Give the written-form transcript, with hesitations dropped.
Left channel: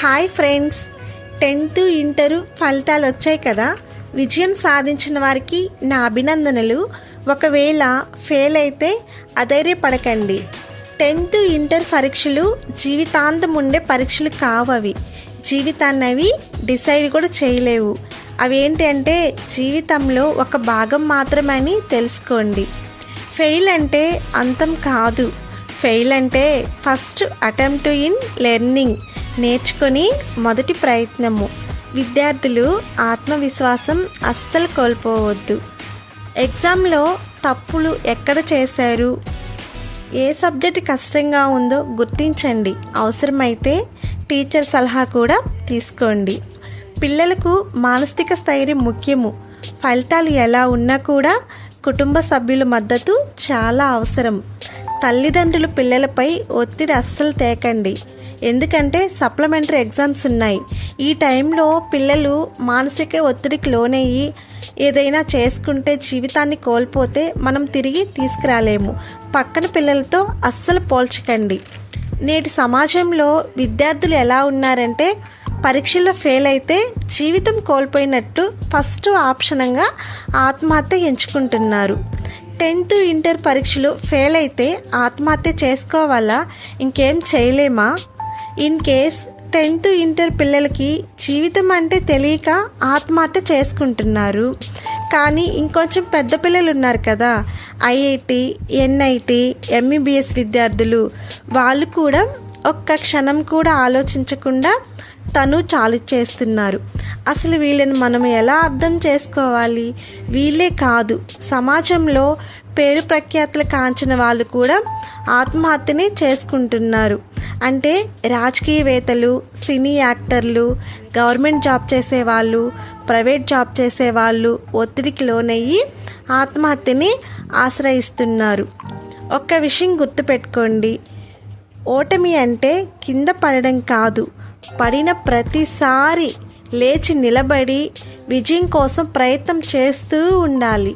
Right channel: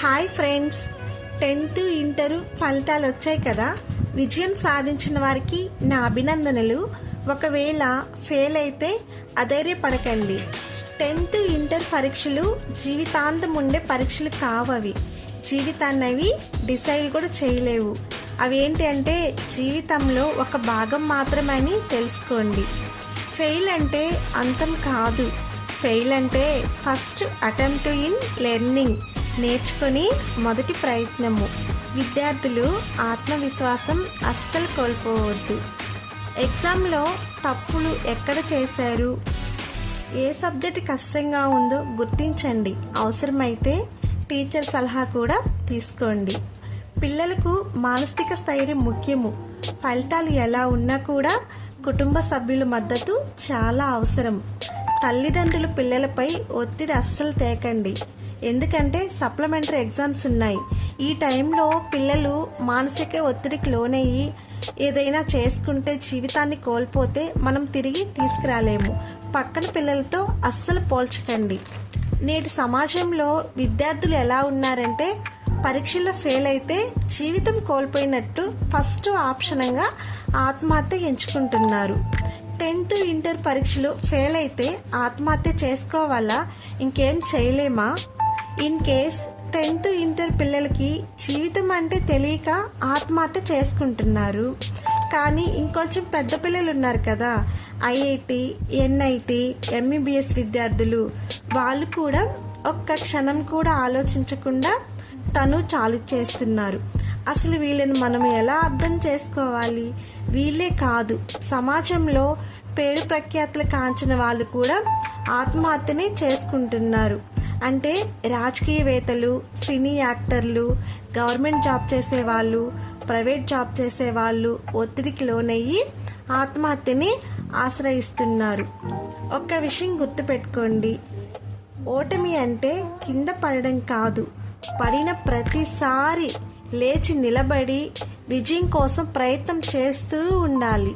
Hi friends, 10th inter ఫలితాలు వచ్చాయి కదా. విజయం సాధించిన వారికి నా అభినందనలు. ఒకవేళ ఫెయిల్ అయితే అధైర్యపడకండి. 10th ఇంటర్ పరీక్షలు జీవితాంతం ఉండే పరీక్షలు కావవి. జీవితాన్ని అవి డిసైడ్ కూడా చేయలేవు. అవి ఏంటి అంటే జీవితంలో ఒక భాగం మాత్రమే అని తెలుసుకోండి. ఫెయిల్ అంటే అంతం కాదు. ఫెయిల్ అంటే ఫస్ట్ అటెంప్ట్ ఇన్ లెర్నింగ్, నేర్చుకొని మొదటి ప్రయత్నము. విద్యార్థులు ఆత్మవిశ్వాసం అస్సలు కోల్పోవద్దు. ఎగ్జామ్లో తప్పులు ఎక్కడ చేశారు, ఏ సబ్జెక్ట్ కష్టంగా ఉందో గుర్తించండి. అవసరమైతే టీచర్ సలహా కూడా తీసుకోండి. పిల్లలకు మానసిక స్థైర్యం ముఖ్యము. ఫలితాలు ఎలా ఉన్నా కూడా కుటుంబ సభ్యుల మద్దతు చాలా అవసరం. తల్లిదండ్రులు పిల్లలపై ఒత్తిడి అస్సలు తేకండి. ఎందుకంటే సప్లిమెంటరీ ఎగ్జామ్స్ ఉన్నాయి. ఈ టైంలో పిల్లలు మానసిక ఒత్తిడికి లోనయ్యి ఏదైనా చేసుకుంటే జీవితాన్ని కోల్పోతే మనం తిరిగి తీసుకురాలేము. పక్కన పిల్లలతో అస్సలు పోల్చకండి. నేటి సమాజంలో విద్యార్థులు ఎలా ఉన్నారంటే పరీక్షల్లో ఫెయిల్ అయితే జీవితం కోల్పోయినట్టు ఫస్ట్ ఆప్షన్గా ఆత్మహత్య ఎంచుకుంటున్నారు. 10th ఇంటర్ పరీక్షలు ఫెయిల్ అయితే ఆత్మహత్య చేసుకోవాలా, ఇంకేం చేయలేమా? ఇన్ కేస్ 10th ఇంటర్ పిల్లలకి జీవితం అంటే తెలియక ఆత్మహత్య చేసుకుంటున్నారు. కానీ ఇంకొంచెం పెద్ద పిల్లలు ఉన్నారు కదా, ఐఐటి, ఎన్ఐటి, ఎంబీబీఎస్ విద్యార్థులు, వాళ్ళు కూడా ఒక్క క్షణం కూడా ఆలోచించకుండా తను చాలు చేస్తున్నారు. అసలు వీళ్ళని మనం ఎలా అర్థం చేసుకోవాలి? వీళ్ళే కాదు, సమాజంలో పేరు ప్రఖ్యాతులు కాంచిన వాళ్ళు కూడా ఆత్మహత్యనే చేసుకుంటున్నారు. అంటే రాజకీయవేత్తలు, సినీ యాక్టర్లు, గవర్నమెంట్ జాబ్ చేసేవాళ్ళు, ప్రైవేట్ జాబ్ చేసేవాళ్ళు ఒత్తిడికి లోనయ్యి ఆత్మహత్యని ఆశ్రయిస్తున్నారు. ఒక్క విషయం గుర్తుపెట్టుకోండి, ఓటమి అంటే కింద పడడం కాదు, పడిన ప్రతిసారి లేచి నిలబడి విజయం కోసం ప్రయత్నం చేస్తూ ఉండాలి.